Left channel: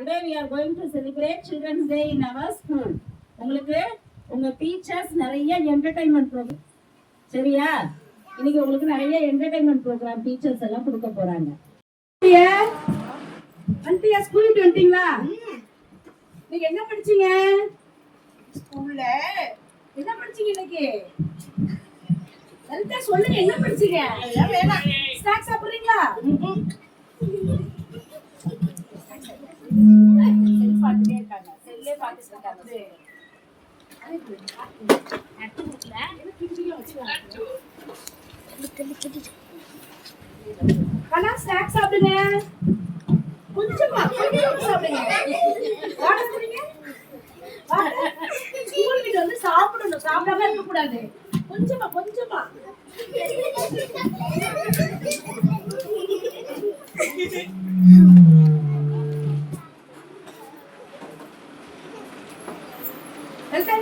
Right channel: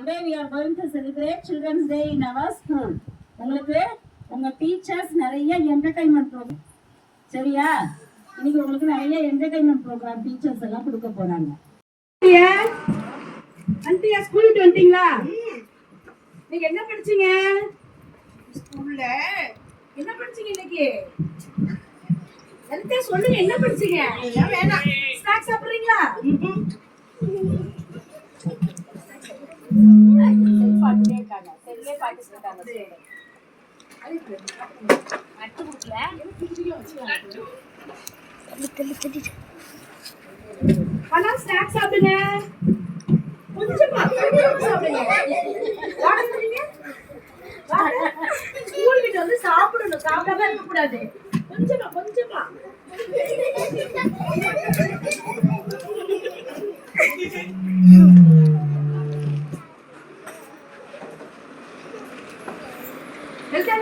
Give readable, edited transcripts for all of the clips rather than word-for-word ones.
Today we are going to celebrate Children's Day in our school. உங்களுக்கு உங்க teachers நிறைய entertainment program சரியா? இன்னைக்கு உங்களுக்கு நிறைய என்டர்டைன்மெண்ட் ப்ரோக்ராம் டீச்சர்ஸ் எல்லாம் கொடுக்க போறாங்க. ஆன்ட்டியா ஸ்கூல் விட்டு வந்துட்டீங்களா? நீங்க என்ன படிச்சீங்க? ஸ்கூல்ல என்ன படிச்சீங்க இன்னைக்கு? என்கிட்ட சொல்லுங்க என்ன படிச்சீங்க? எல்லாம் வேணாம். ஸ்நாக்ஸ் சாப்பிடுறீங்களா? பாட்டுட்டே இருக்காங்க. செல்லே பாட்டு சொல்றாங்க. அட்டு குடுக்கல. என்ன கிஞ்சில வச்சுட்டாங்க. அண்ணா ஸ்நாக்ஸ் சாப்பிடுங்க. கொஞ்சமா சாப்பிடுங்க. வாடறீங்க? ஸ்கூல் விட்டு வந்து சாப்பிடணும். சாப்பிடாம இருக்க கூடாது. கொஞ்சமா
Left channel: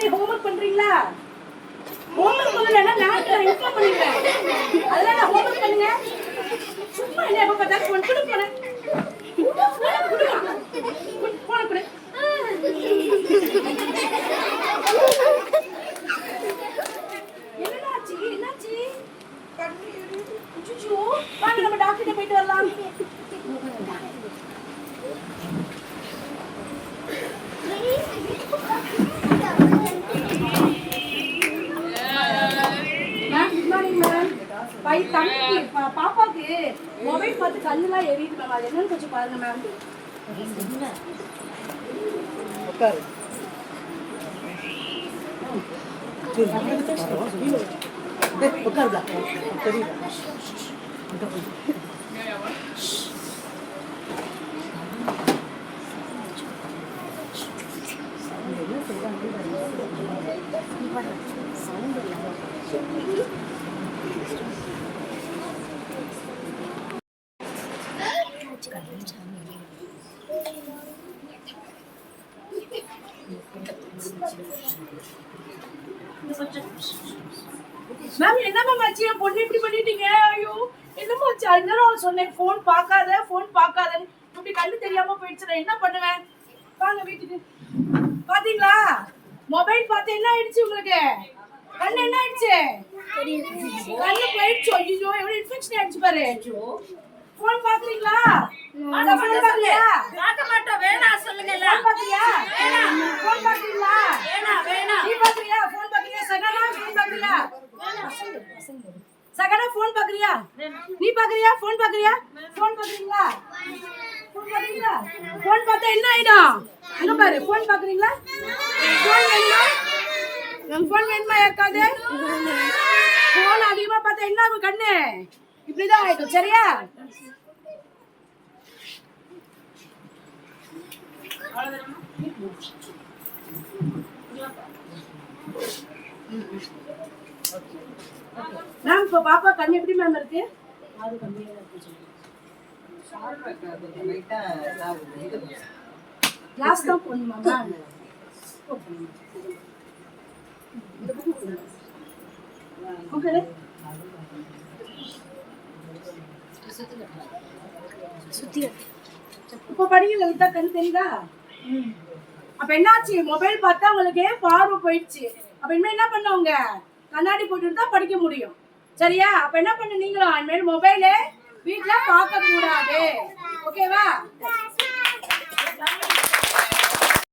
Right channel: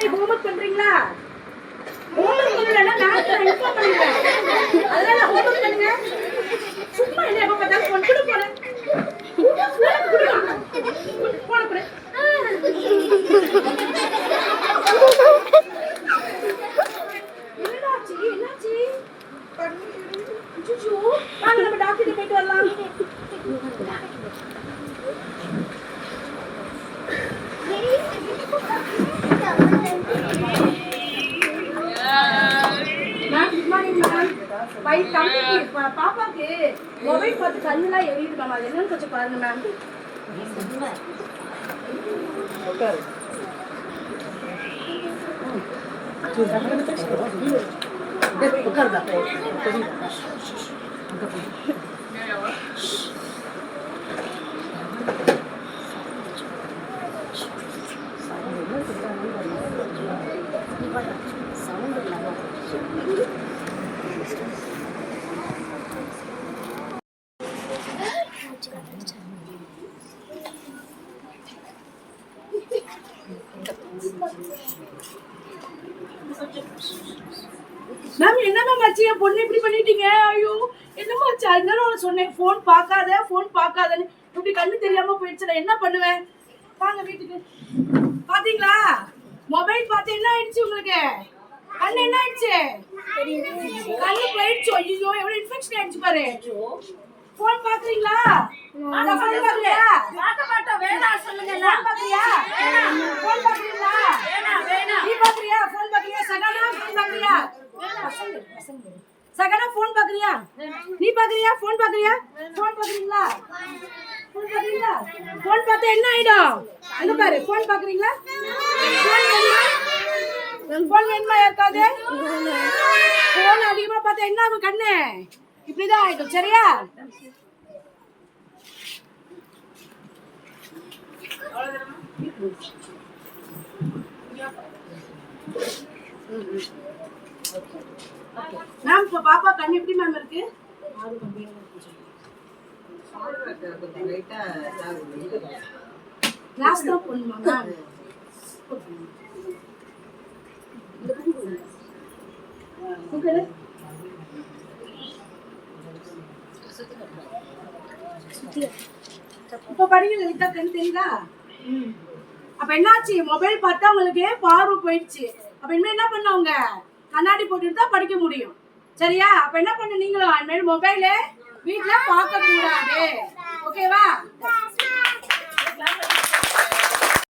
நீ ஹோம்வொர்க் பண்றீங்களா? ஹோம்வொர்க் பண்ணலன்னா நான் இன்ஃபார்ம் பண்ணிடுறேன். அதனால ஹோம்வொர்க் பண்ணுங்க. சும்மா என்ன எப்ப பார்த்தாலும் போன் போறேன். என்னாச்சு? சுச்சு வாங்க நம்ம டாக்டர்கிட்ட போயிட்டு வரலாம். பாப்பாக்கு மொபைல் பார்த்து கண்ணெல்லாம் எரியுதுக்காங்க. அது என்னன்னு கொஞ்சம் பாருங்க மேம். மேம் என்னமா மச்சி என் பொண்ணு இப்படி பண்ணிட்டீங்க? ஐயோ என்னமா ஆச்சு? அதனால சொன்னேன் ஃபோன் பார்க்காதன்னு. இப்படி கண்ணு தெரியாம போயிடுச்சு. நான் என்ன பண்ணுவேன்? வாங்க வீட்டுக்கு. பாத்தீங்களா மொபைல் பார்த்து என்ன ஆயிடுச்சு உங்களுக்கு? கண்ணு என்ன ஆயிடுச்சு? கண்ணு போயிடுச்சு. ஐயோ எவ்வளவு இன்ஃபெக்ஷன் ஆயிடுச்சு பாரு. ஃபோன் பாக்குறீங்களா? ஃபோன் பாக்குறியா? பார்க்க மாட்டோம். வேணாம் சொல்லுங்க. ஃபோன் பாக்குறியா? ஃபோன் பாக்குறீங்களா? வேணாம். நீ பாக்குறியா? ஃபோன் பாக்குறியா? சகனா ஃபோன் பாக்குறியா? சகனா ஃபோன் பாக்குறியா? நீ பாக்குறியா? ஃபோன் பாக்குறியா? ஃபோன் பாக்குறீங்களா? ஃபோன் பாக்குறீங்களா? ஃபோன் பார்த்தா என்ன ஆயிடும்? அங்க பாரு. ஃபோன் பாக்குறீங்களா? ஃபோன் வேணுமா? ஃபோன் வேணுமா யாருக்காவது? ஃபோன் அதிகமா பார்த்தா என்ன ஆகும்? கண்ணு இப்படிதான் ஆயிடும். சரியா? மேம் இப்ப பாப்பா கண்ணு எப்படி மேம் இருக்கு? கிளாஸ் தான் போடணுமா மேம்? ஓகே இப்ப படிங்க லலிதா. கண் தெரியுதா? அப்ப என்னாச்சு? மொபைல் பார்த்தா உங்களுக்கு பார்வை போயிடுச்சு. அப்ப இனிமே என்ன பண்ணுவாங்க? கண்ணாடி போட்டுட்டு தான் படிக்க முடியும். சரியா? அப்ப என்ன பண்ணு நீங்களும் இனிமேல் மொபைல வீட்டுல பார்க்க கூடாது. ஓகேவா?